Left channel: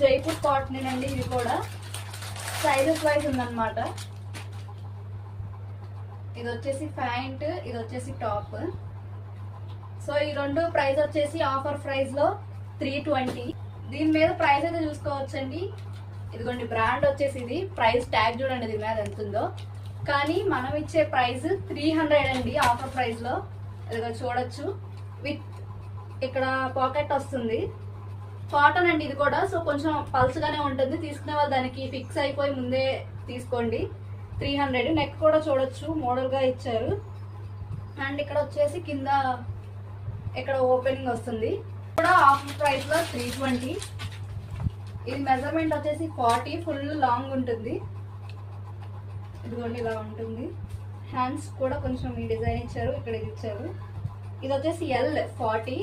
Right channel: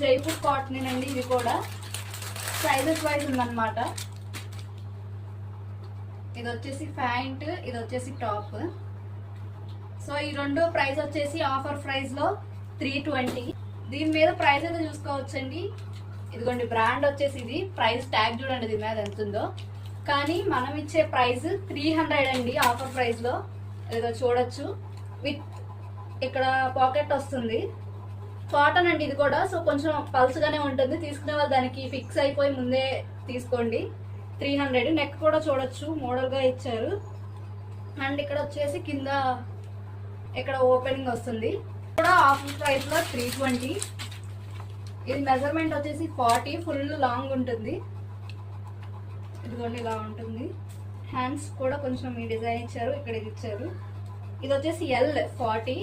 Jaipur cotton అండి. ఇది కూడా సైజెస్ వైజ్ ఉందన్నమాట. ఇది వచ్చేసి ప్యాంట్, ఇది వచ్చేసి టాప్. సో ఈ రెండు ప్రైస్ వచ్చేసి ఆఫర్ ప్రైస్ లో 320. దీని మీద ప్రైస్ అయితే చూసుకోవచ్చండి. ఇదిగోండి బ్రాండ్ వచ్చేసి ఇది. ప్రైస్ ట్యాగ్ చూడండి దీని మీద ఎంత ఉందో. కానీ మనం ఇచ్చే ప్రైస్ 300 అండి ఆఫర్ ప్రైస్ లో. ఇదిగో చూడొచ్చు. విత్ ఇక్కడ పాకెట్ వస్తుంది. కాటన్ అండి ఇది కూడా. సో కొంచెం పల్స్గానే ఉంటుంది. తీసుకునే వాళ్ళు దానికి ఫిక్స్ అయిపోయి ముందే తీసుకోండి. 300. నెక్ కూడా చూడొచ్చు, మోడల్ గా ఇచ్చారు. అండ్ ఇక్కడ వచ్చేసి కింద ఇక్కడ ఓపెనింగ్ వస్తుంది. కూడా ఆఫర్ ప్రైస్ లో 320. ఇది మెజర్మెంట్ వచ్చేసి 40. ఫుల్ లాంగ్ ఉంటుంది. ఇదిగోండి ఇలా ఉంటుంది. హ్యాండ్స్ కూడా కొంచెం ఈ డిజైన్ ఇచ్చారు, ఇక్కడ ఇది ఇచ్చారు. ఇది వచ్చేసి L 40.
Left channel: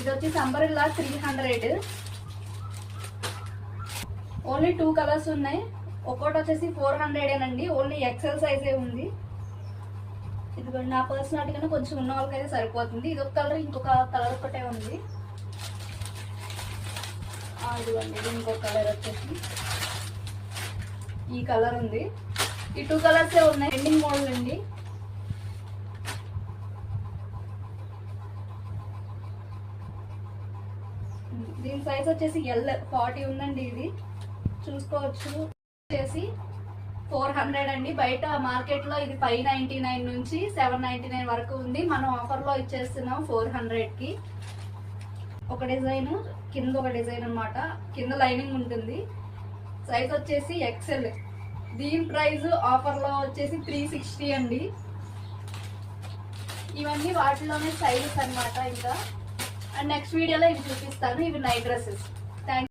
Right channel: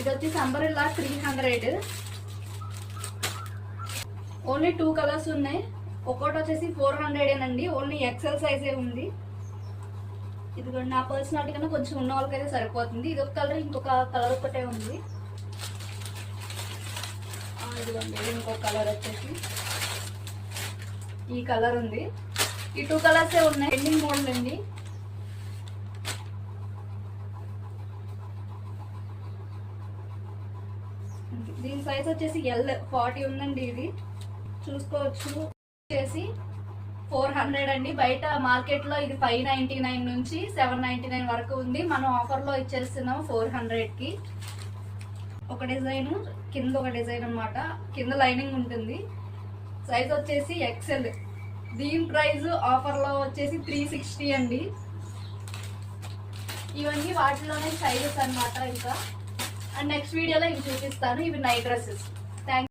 ఇది వచ్చేసి అంబరెల్లా 300. ఓన్లీ 2 కలర్స్ ఉన్నాయి. ఒక్కోటి వచ్చేసి 400 అండి. ఓన్లీ ఎక్సెల్ సైజే ఉంది. ఇదిగోండి నా పర్సనాలిటీ కన్నా కొంచెం ఉన్న వాళ్ళకైతే సరిపోతుంది. ఇది ఒక కలర్, ఇంకొక కలర్ ఒకటే ఉంది. ఇదిగోండి ఇది ఇంకొక కలర్ వచ్చేసి ఈ కలర్ ఉంది. ఈ 2 కలర్సే ఉన్నాయి. ఎండింగ్ మోడల్ అండి. దీని సైజ్ వచ్చేసి L 40 ఉందండి. ఇది చూసుకోవచ్చు. వచ్చేసి 400 అండి. బయట మార్కెట్ లో ఇది 599 నుంచి 799 వరకు ఉంది. మనం ఆఫర్ లో ఇచ్చేస్తున్నాం 400 కి. ఒక డిజైన్, కింద ఒక డిజైన్ అన్నమాట. కింద లైనింగ్ ఉంటుంది. సైజ్ వచ్చేసి XL. దీని ప్రైస్ ఆఫర్ లో వచ్చేసి 360 అండి. ఇవన్నీ వాటిలోనే సైజెస్ అన్నమాట. ఇంకా అండ్ నెక్స్ట్ వీడియోలో ఇవి చూపిస్తాను. ఇవి నైట్ డ్రెస్సెస్. థ్యాంక్